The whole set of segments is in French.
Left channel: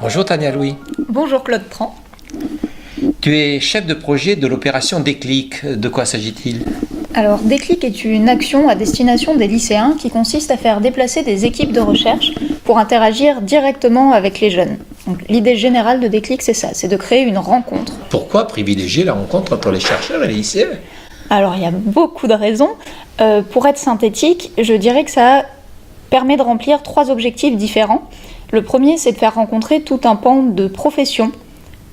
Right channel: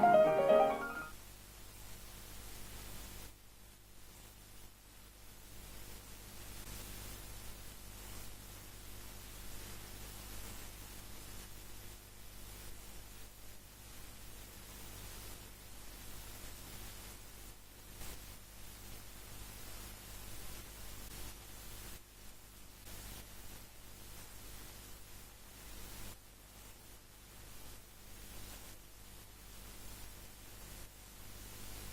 Bonjour Tania Louis. Bonjour Claude Tran. Tu es chef de projet de l'opération Déclic. De quoi s'agit-il ? Alors, Déclic est une action à destination des lycéens qui consiste à faire déplacer des équipes de recherche pour interagir directement avec les jeunes. Donc, l'idée générale de Déclic, c'est ça, c'est de créer une rencontre. Pourquoi privilégier la rencontre entre les chercheurs et les lycéens ? Alors, il y a beaucoup de raisons. Pour être synthétique, je dirais que ça permet de remplir 3 objectifs différents. Le premier, c'est de faire rencontrer tout un pan de professions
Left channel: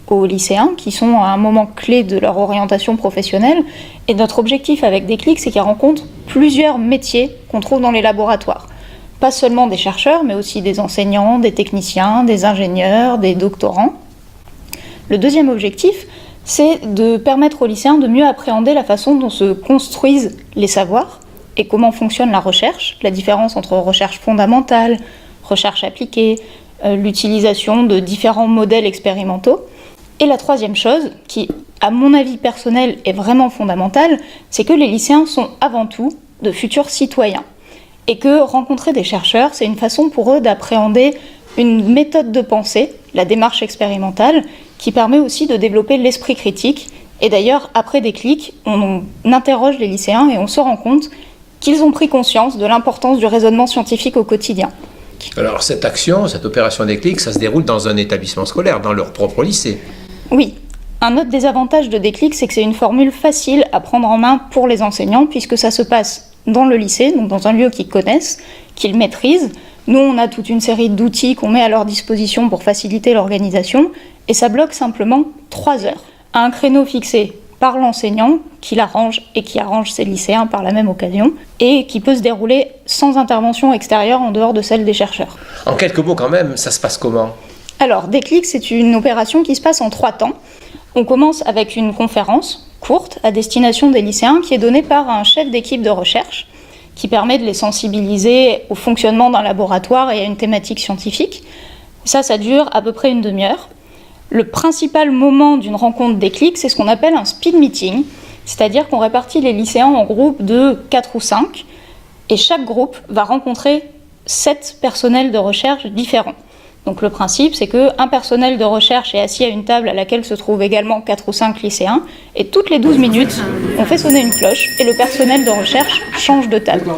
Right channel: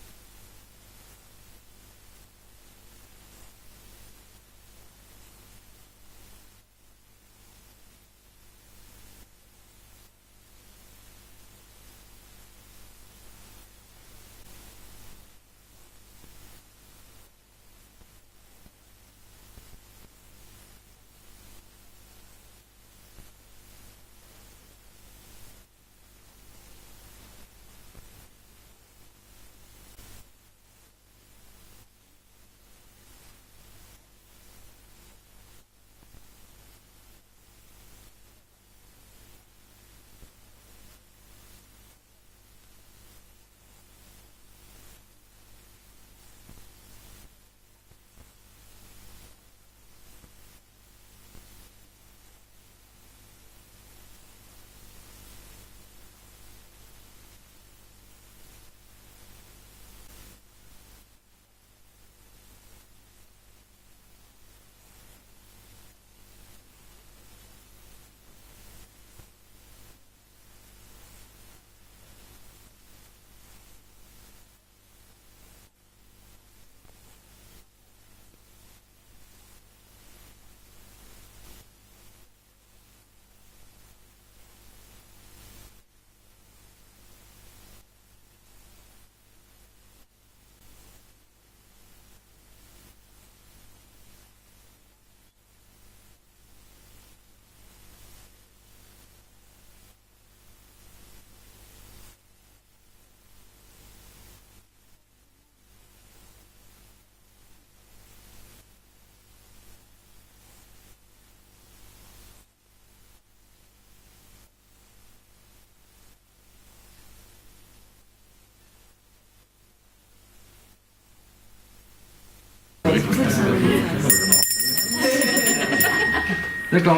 aux lycéens qui sont à un moment clé de leur orientation professionnelle. Et notre objectif avec Déclic, c'est qu'ils rencontrent plusieurs métiers qu'on trouve dans les laboratoires. Pas seulement des chercheurs, mais aussi des enseignants, des techniciens, des ingénieurs, des doctorants. Le deuxième objectif, c'est de permettre aux lycéens de mieux appréhender la façon dont se construisent les savoirs et comment fonctionne la recherche, la différence entre recherche fondamentale, recherche appliquée, l'utilisation de différents modèles expérimentaux. Et la troisième chose, qui, à mon avis personnel, est vraiment fondamentale, c'est que les lycéens sont avant tout de futurs citoyens. Et que rencontrer des chercheurs, c'est une façon pour eux d'appréhender une méthode de pensée, la démarche expérimentale, qui permet aussi de développer l'esprit critique. Et d'ailleurs, après Déclic, on interroge les lycéens et on se rend compte qu'ils ont pris conscience de l'importance du raisonnement scientifique au quotidien. Alors cette action, cette opération Déclic, ça se déroule dans un établissement scolaire, dans leur propre lycée. Oui. Un autre désavantage de Déclic, c'est que c'est une formule facile à prendre en main pour les enseignants, puisque ça se passe dans le lycée, donc dans un lieu qu'ils connaissent, qu'ils maîtrisent. Nous, on a toute une série d'outils qu'on met à leur disposition pour faciliter l'organisation, et ça bloque simplement 3 heures, à un créneau fixé par l'enseignant, qui l'arrange et qui arrange ses lycéens par la même occasion, et qui peut se dérouler sans intervention extérieure en dehors de celle des chercheurs. En quelques mots quand même, ça se passe comment ? Alors, Déclic, c'est une opération qui se passe en 3 temps. On commence avec une conférence courte à destination des lycéens qui est donnée par un chef d'équipe de recherche qui permet de les sensibiliser au fonctionnement d'un laboratoire et à une thématique scientifique. Ça dure à peu près une demi-heure. Le principal moment d'une rencontre Déclic, c'est ce qu'on appelle un speed meeting, c'est-à-dire qu'on répartit les lycéens en groupes de 4 ou 5 et chaque groupe va rencontrer 7 personnels de recherche différents. Donc le principe, c'est qu'un personnel de recherche est assis à une table à laquelle se trouvent également 4 ou 5 lycéens, et toutes les 12 minutes, on fait sonner une cloche, et le personnel de recherche change de table.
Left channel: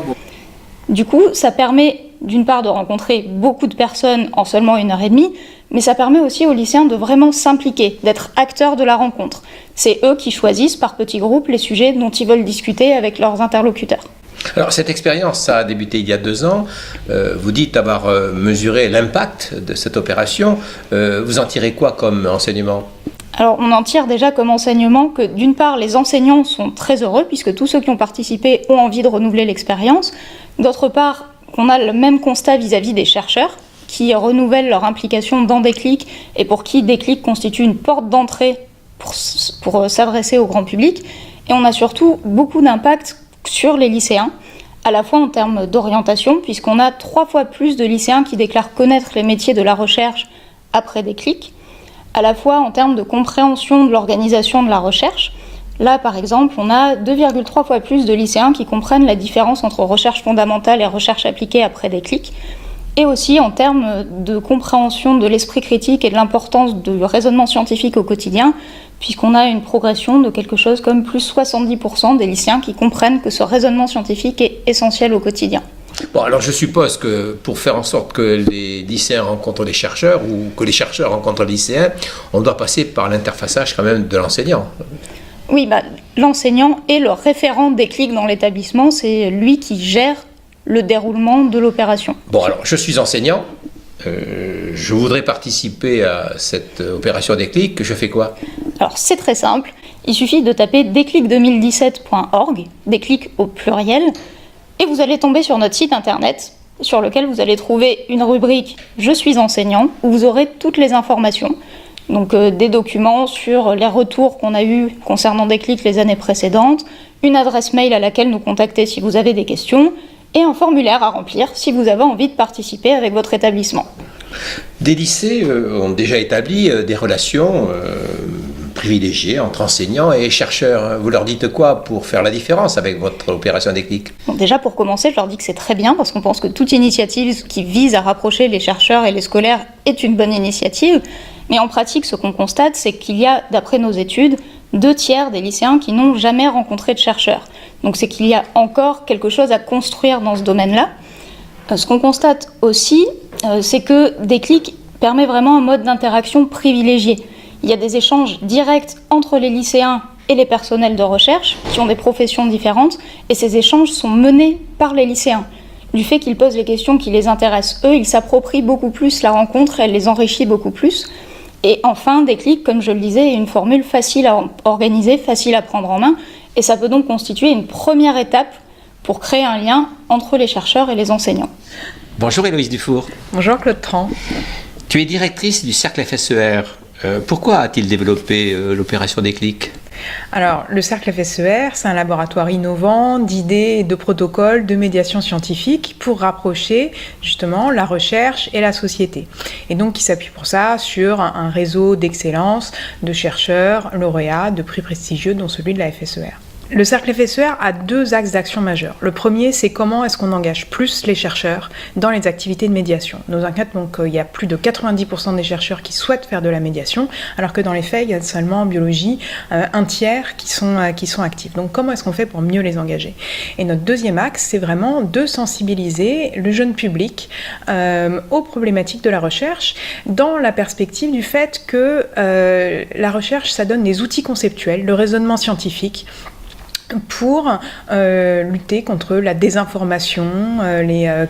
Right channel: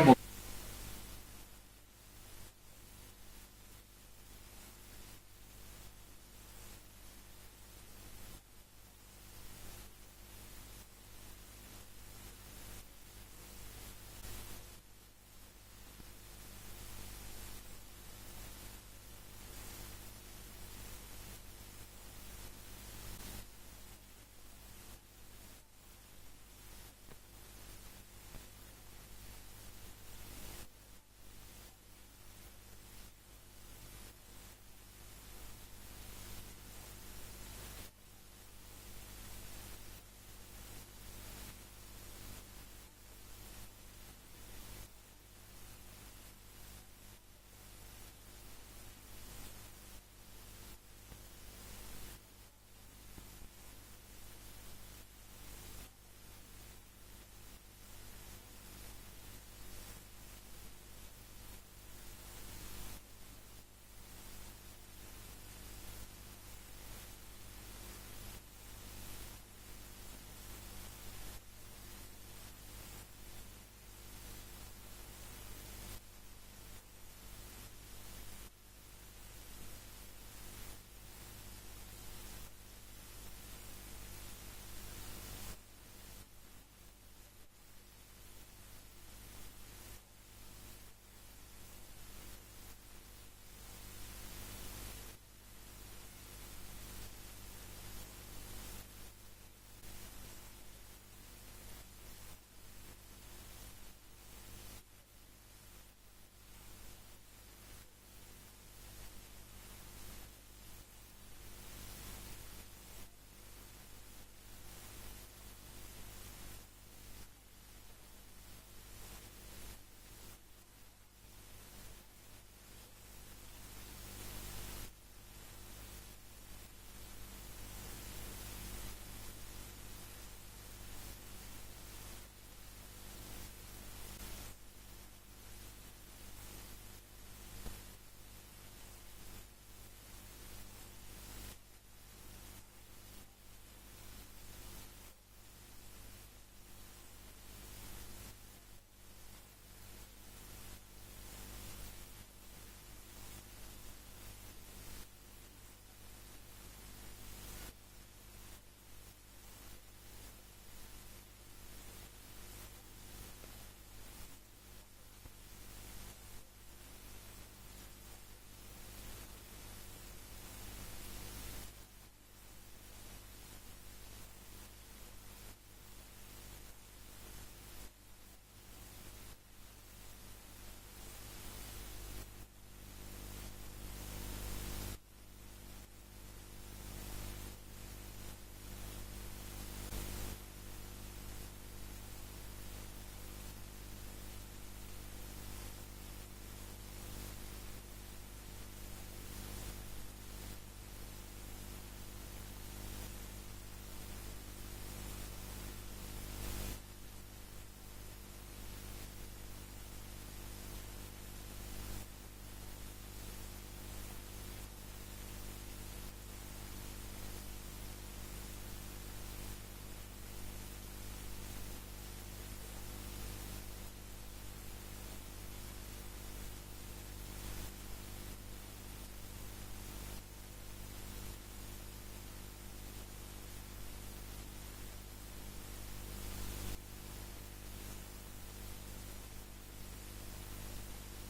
Du coup, ça permet d'une part de rencontrer beaucoup de personnes en seulement 1h30, mais ça permet aussi aux lycéens de vraiment s'impliquer, d'être acteurs de la rencontre. C'est eux qui choisissent par petits groupes les sujets dont ils veulent discuter avec leurs interlocuteurs. Alors cette expérience, ça a débuté il y a 2 ans. Vous dites avoir mesuré l'impact de cette opération. Vous en tirez quoi comme enseignement ? Alors on en tire déjà comme enseignement que d'une part les enseignants sont très heureux puisque tous ceux qui ont participé ont envie de renouveler l'expérience. D'autre part, on a le même constat vis-à-vis des chercheurs qui renouvellent leur implication dans Déclic et pour qui Déclic constitue une porte d'entrée pour s'adresser au grand public. Et on a surtout beaucoup d'impact sur les lycéens, à la fois en termes d'orientation, puisqu'on a 3 fois plus de lycéens qui déclarent connaître les métiers de la recherche après Déclic, à la fois en termes de compréhension de l'organisation de la recherche. Là, par exemple, on a 2,3 fois plus de lycéens qui comprennent la différence entre recherche fondamentale et recherche appliquée après Déclic, et aussi en termes de compréhension de l'esprit critique et de l'importance du raisonnement scientifique au quotidien, puisqu'on a une progression de quelque chose comme plus 70% des lycéens qui comprennent que ce raisonnement scientifique est essentiel au quotidien. Bon, alors je suppose que pour faire en sorte que les lycéens rencontrent les chercheurs ou que les chercheurs rencontrent les lycéens, on doit passer par l'interfaçage quand même de l'enseignant. Oui, l'enseignant est le référent Déclic dans l'établissement, c'est lui qui gère le déroulement de l'opération. Bon, alors je suis enseignant, je voudrais participer à cette opération Déclic, je fais quoi ? Alors c'est très simple, il suffit de taper déclic2017.org, Déclic au pluriel, et vous allez tomber sur notre site internet, sur lequel vous allez trouver une rubrique « Je suis enseignant » où vous aurez toutes les informations, donc des documents sur les retours qu'on a eus concernant Déclic les années précédentes, une adresse mail à laquelle nous contacter si vous avez des questions, et un formulaire à remplir si vous avez envie de participer avec votre établissement. Des lycées ont déjà établi des relations privilégié entre enseignants et chercheurs. Vous leur dites quoi pour faire la différence avec votre opération Déclic? Bon, déjà, pour commencer, je leur dis que c'est très bien parce qu'on pense que toute initiative qui vise à rapprocher les chercheurs et les scolaires est une bonne initiative. Mais en pratique, ce qu'on constate, c'est qu'il y a, d'après nos études, 2/3 des lycéens qui n'ont jamais rencontré de chercheurs. Donc c'est qu'il y a encore quelque chose à construire dans ce domaine-là. Ce qu'on constate aussi, c'est que Déclic permet vraiment un mode d'interaction privilégié. Il y a des échanges directs entre les lycéens et les personnels de recherche qui ont des professions différentes, et ces échanges sont menés par les lycéens. Du fait qu'ils posent les questions qui les intéressent eux, ils s'approprient beaucoup plus la rencontre et elle les enrichit beaucoup plus. Et enfin, Déclic, comme je le disais, est une formule facile à organiser, facile à prendre en main, et ça peut donc constituer une première étape pour créer un lien entre les chercheurs et les enseignants. Bonjour Héloïse Dufour. Bonjour Claude Tran. Tu es directrice du Cercle FSER. Pourquoi a-t-il développé l'opération Déclic ? Alors, le Cercle FSER, c'est un laboratoire innovant d'idées et de protocoles de médiation scientifique pour rapprocher justement la recherche et la société. Et donc, il s'appuie pour ça sur un réseau d'excellence de chercheurs lauréats de prix prestigieux, dont celui de la FSER. Le Cercle FSER a 2 axes d'action majeurs. Le premier, c'est comment est-ce qu'on engage plus les chercheurs dans les activités de médiation. Nos enquêtes, donc, il y a plus de 90% des chercheurs qui souhaitent faire de la médiation, alors que dans les faits, il y a seulement en biologie 1/3 qui sont actifs. Donc comment est-ce qu'on fait pour mieux les engager ? Et notre deuxième axe, c'est vraiment de sensibiliser le jeune public aux problématiques de la recherche, dans la perspective du fait que la recherche, ça donne des outils conceptuels, le raisonnement scientifique, pour lutter contre la désinformation,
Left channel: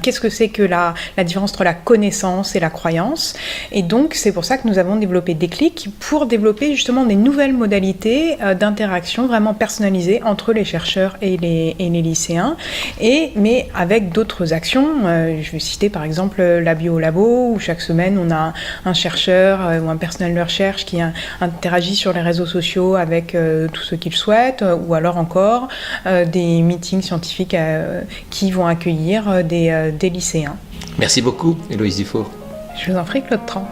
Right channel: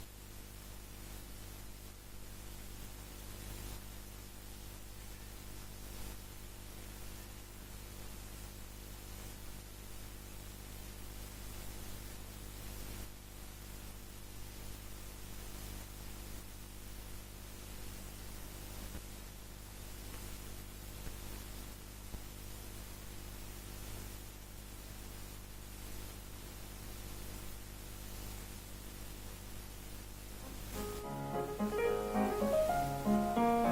qu'est-ce que c'est que la différence entre la connaissance et la croyance. Et donc, c'est pour ça que nous avons développé Déclic, pour développer justement des nouvelles modalités d'interaction vraiment personnalisées entre les chercheurs et les lycéens, mais avec d'autres actions. Je vais citer par exemple la Biolabo, où chaque semaine, on a un chercheur ou un personnel de recherche qui interagit sur les réseaux sociaux avec tous ceux qu'il souhaite, ou alors encore des meetings scientifiques qui vont accueillir des lycéens. Merci beaucoup, Héloïse Dufour. Je vous en prie, Claude Tran.